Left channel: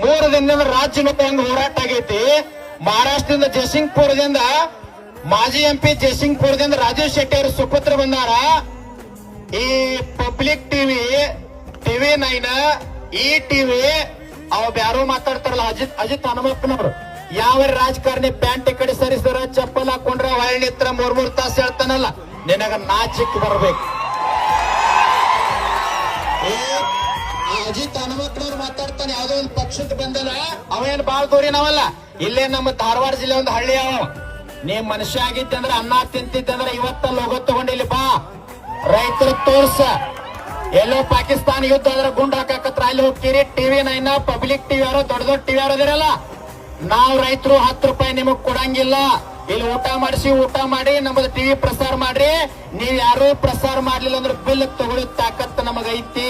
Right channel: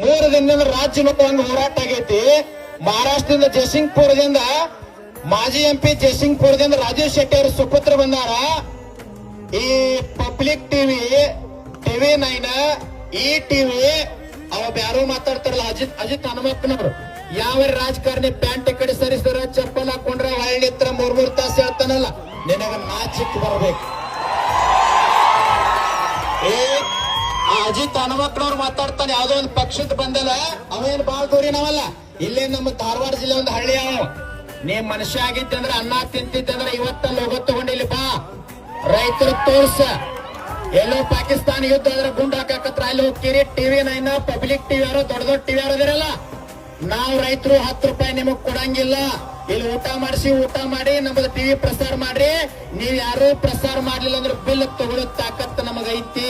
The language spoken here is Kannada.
3 ದಿನದಿಂದ ರಾಜ್ಯ ಮಟ್ಟದ ಹೋರಾಟ ಆಗೈತಿ. ಮಹಾರಾಷ್ಟ್ರದಿಂದ ಜಯಸಿಂಗ್ಪುರದಿಂದ ಮಾಜಿ ಎಂಪಿ ಜಯಸಿಂಗ್ಪುರದಿಂದ ರಾಜೀವ್ ಶೆಟ್ಟಿ ಅವರು ಸುಪುತ್ರ ಬಂದಾರ. ಈ ಪಬ್ಲಿಕ್ ಟಿವಿ 9 ಈ ಟಿವಿ ಅವ್ ಯಾರೋ ಮಾತಾಡ್ತಾರಲ್ಲ ಅಜಿತ್ ಹನುಮಪ್ಪನವರು, ಯಾವ ರಾಜಕಾರಣಿ ಪ್ಯಾಂಟ್ ಕಡೆ ಸರಿಸ್ತಾರ, ಚಪ್ಪಲ್ ಹಾಕೊಂಡ್ರ ಹೊಳ್ಳಿ ಹತ್ರ 3 ತಾಸು ಹೇಳ್ತಾನಲ್ಲ, ನಿನಗ ನಾಚಿಕ್ ಬರ್ಬೇಕು. ಅಜಿತ್ ಹನುಮಪ್ಪನವ್ರು ಮಾತಾಡ್ತಾನೆ, ಯಾವ್ದೋ ಒಂದು ಪಕ್ಷದ ಬಂದಲ್ಲ, ಅವೇನ್ ಬಾಳ್ ದೂರಿ ನಾವಲ್ಲ, ಇಲ್ಲೇ ನಮ್ಮ ಧಾರವಾಡ ಜಿಲ್ಲೆ ಒಂದು ಹಳ್ಳಿ ಅವ. ನೀ ಮನುಷ್ಯ ಆಗಿದ್ದಂದ್ರೆ ಅನ್ನ ತಿಂತಿದ್ದಂದ್ರೆ ಇವತ್ತಲ್ಲಿ ಹೋಗೋ ತಗೊಂಡಿಲ್ಲಿ ಬಾ, ರೈತರು ತೋರ್ಸ. ಎಲ್ಲೋ ಪಾಕಿಸ್ತಾನ ಯುದ್ಧ ಆದ್ರೆ ಗುಂಡ್ ಹಾಕತ್ರ ಅಲ್ಲಿ ಹೋಗ್ತೀರಿ. ಟಿವಿ 9 ಪಬ್ಲಿಕ್ ಟಿವಿ ಯಾರೋ ದೊಡ್ಡ ದೊಡ್ಡ ಟಿವಿ ಯಾರದಿರಲ್ಲ, ನಾವು ರೈತರು 10 ರೂಪಾಯಿ ನಿಮಗ್ ಕೊಡಂಗಿಲ್ಲ. ಇಲ್ಲಿ ಊಟ ಮಾಡಿ ನಮ್ಮದು ಟಿವಿ ಪ್ರಸಾರ ಮಾಡ್ರಿ. ನೀವ್ ಯಾರು ಪ್ರಸಾರ ಮಾಡ್ಲಿಲ್ಲ ಅಂದ್ರೆ ಬಿಲ್ ತಗೊಳ್ಳೋ ತಾಕತ್ತು ನಮಗೈತಿ.